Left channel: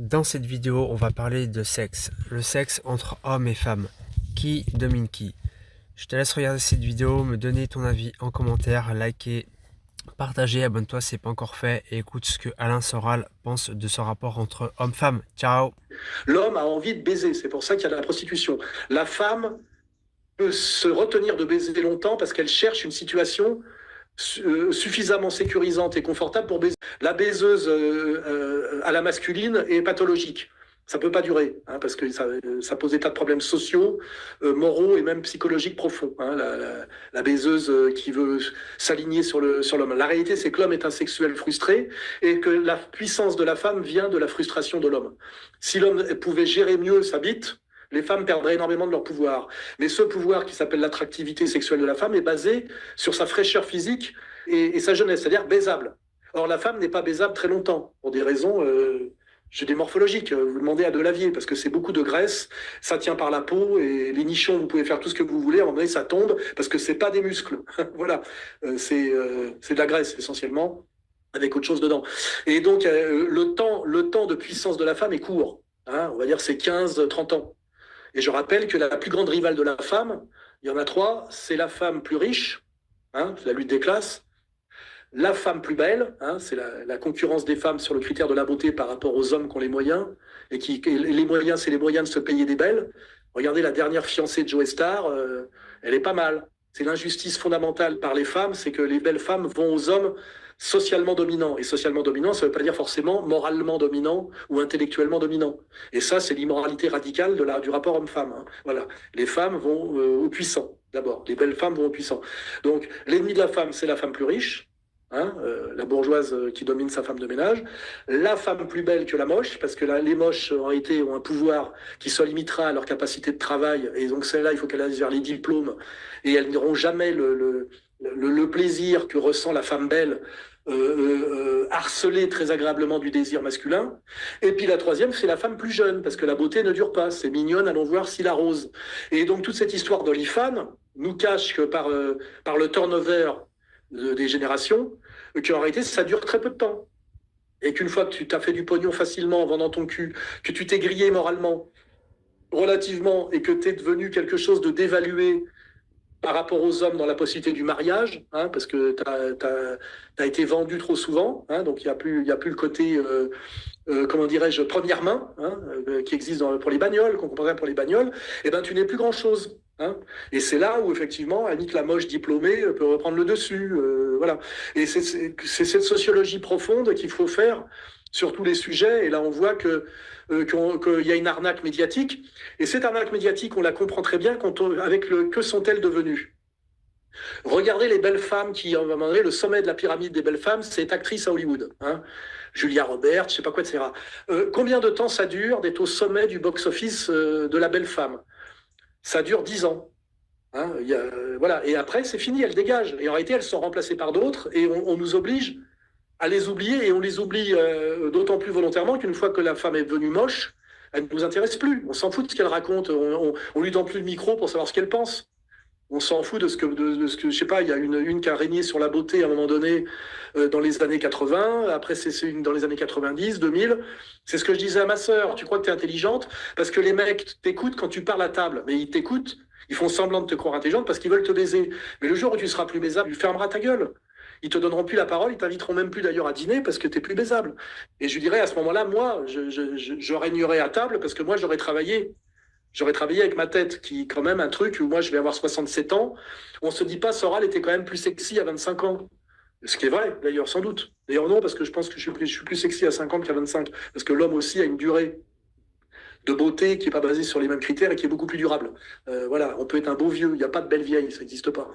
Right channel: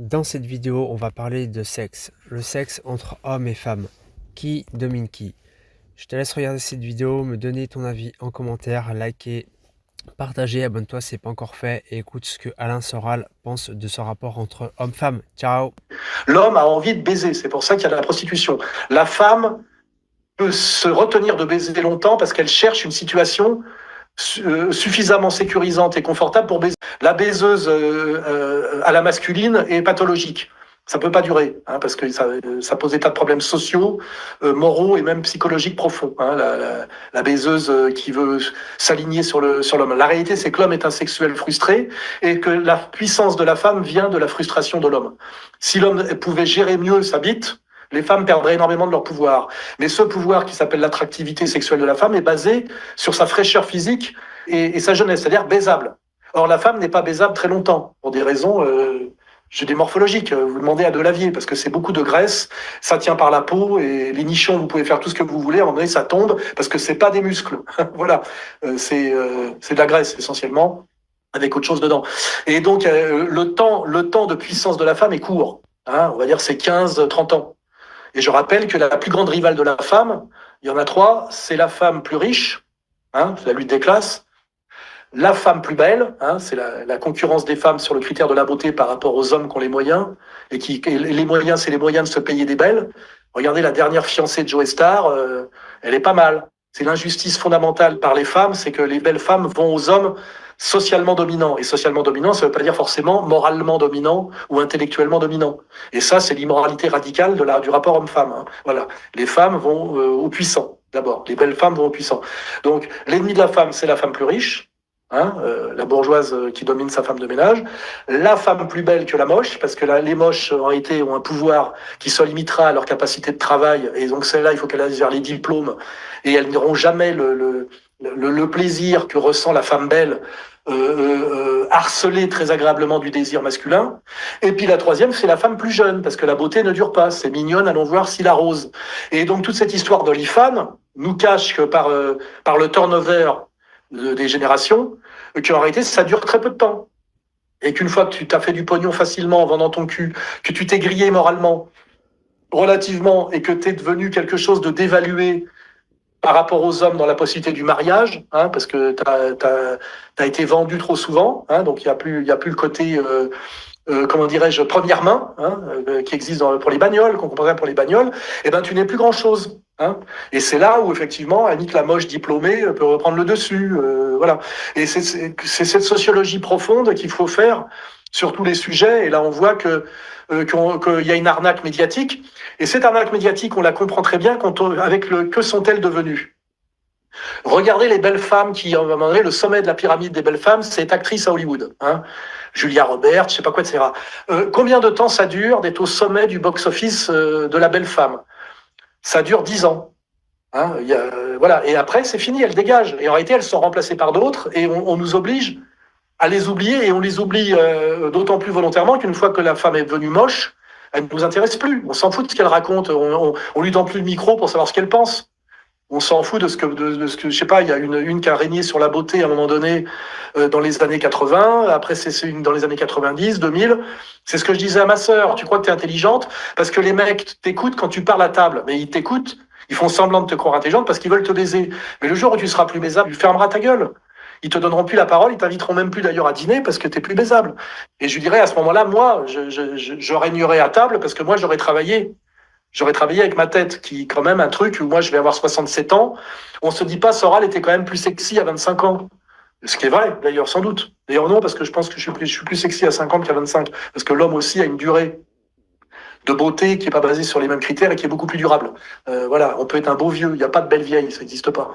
Dans cette vidéo, on va parler de sexe. Le sexe entre hommes et femmes. Qui domine qui? Je te laisse regarder cette vidéo, me donner ton avis en commentaire, liker, partager, abonne-toi si ce n'est pas encore fait et écoute ce que Alain Soral pense de ce rapport entre hommes-femmes. Ciao! L'homme a envie de baiser, c'est pour ça qu'il y a de la prostitution. La femme peut se retenir de baiser longtemps parce qu'elle cherche une situation suffisamment sécurisante et confortable pour baiser. La baiseuse à la masculine est pathologique. Ça peut pas durer, parce que ça pose des tas de problèmes sociaux, moraux et même psychologiques profonds. La baiseuse qui veut s'aligner sur l'homme. La réalité, c'est que l'homme est un sexuel frustré et que la puissance de la femme vient de la frustration de l'homme. Si l'homme pouvait gérer mieux sa bite, les femmes perdraient énormément de leur pouvoir. Mais ce pouvoir qui s'appelle l'attractivité sexuelle de la femme est basé sur sa fraîcheur physique et sa jeunesse, c'est-à-dire baisable. Or, la femme n'est pas baisable très longtemps, pour des raisons des morphologiques. Vous demandez à Delavier, parce que c'est beaucoup de graisse, ça tient par la peau, et les nichons, vous pouvez faire tout ce que vous voulez, à un moment donné, ça tombe, parce que c'est pas des muscles. Voilà, c'est de la graisse, essentiellement, avec autre chose dedans. Et donc, le temps de puissance de la femme est court. On va dire c'est 15-30 ans. Et je rappelle que la plus grande rivale de la femme, il y en a trois, c'est la femme plus riche, c'est la lutte des classes, la femme plus belle, c'est la concurrence des femmes sur le critère de la beauté par rapport aux hommes qui ont les moyens, et les moyens, c'est les moyens de se payer des belles. Regardez la dernière fiancée de Joe Star, elle est pas mal. C'est l'injustice fondamentale par les femmes, c'est que les belles femmes vont aux hommes socialement dominants. Et socialement dominant, ça ne veut pas dire forcément moralement dominant ou intellectuellement dominant. Et ça, c'est l'immoralité radicale du rapport homme-femme. Voilà. Les femmes vont aux puissants, d'abord. Les belles femmes vont aux puissants. Donc, l'ennemi de la femme, c'est la femme plus riche. La bourgeoise qui domine sa femme de ménage, la femme plus belle que la moche, parce que là, les moches en réalité ont un pouvoir qui se limitera à leur capacité de travail, et donc celle-là, il faut qu'elle aille vers les diplômes, et elles n'auront jamais le plaisir que ressent la femme belle, harcelée très agréablement du désir masculin. Et puis la troisième, c'est la femme plus jeune, parce que la beauté ne dure pas, c'est mignonne, allons voir si la rose. Et donc toute cette histoire d'Olifan nous cache que par le turnover des générations, qu'en réalité, ça dure très peu de temps. Et qu'une fois que tu t'as fait du pognon facilement en vendant ton cul, que tu t'es grillé moralement, relativement, et que tu es devenu quelque chose de dévalué par rapport aux hommes dans la possibilité du mariage, parce que tu as été vendu trop souvent, donc il y a plus le côté, comment dirais-je, première main, qui existe pour les bagnoles, qu'on comprendrait pour les bagnoles, et ben tu n'es plus grand-chose. Et c'est là où, effectivement, Annick la moche diplômée peut reprendre le dessus. Voilà. Et c'est cette sociologie profonde qu'il faut faire sur tous les sujets. Et là, on voit qu'il y a une arnaque médiatique. Et cette arnaque médiatique, on la comprend très bien avec que sont-elles devenues. Regardez les belles femmes qui, à un moment donné, le sommet de la pyramide des belles femmes, c'est être actrice à Hollywood. Julia Roberts, je sais pas quoi, etc. Combien de temps ça dure d'être au sommet du box-office de la belle femme? Ça dure 10 ans. Voilà. Et après, c'est fini, elles dégagent. Et en réalité, elles sont remplacées par d'autres et on nous oblige à les oublier. Et on les oublie d'autant plus volontairement qu'une fois que la femme est devenue moche, elle ne nous intéresse plus. On s'en fout de ce qu'elle raconte. On lui donne plus le micro pour savoir ce qu'elle pense. On s'en fout de ce que, je sais pas, il y a une qui a régné sur la beauté à un moment donné dans les années 80, après c'est une dans les années 90, 2000. C'est ce que je disais à ma sœur, tu crois que tu es intelligente parce que les mecs t'écoutent quand tu parles à table, mais ils t'écoutent, ils font semblant de te croire intelligente parce qu'ils veulent te baiser. Mais le jour où tu seras plus baisable, tu fermeras ta gueule. Ils te donneront plus la parole, ils t'inviteront même plus d'ailleurs à dîner parce que t'es plus baisable. Et je dirais à ce moment-là, moi, je régnerai à table parce que moi j'aurais travaillé. J'aurais travaillé avec ma tête, qui quand même un truc où moi je vais avoir 67 ans. On se dit pas, Soral était quand même plus sexy à 25 ans. Ce qui est vrai, d'ailleurs, sans doute. D'ailleurs, non, parce que je pense que je suis plus sexy à 50 qu'à 25. Parce que l'homme aussi a une durée de beauté qui est pas basée sur les mêmes critères et qui est beaucoup plus durable. Voilà, on peut être un beau vieux, il n'y a pas de belle vieille, ça n'existe pas.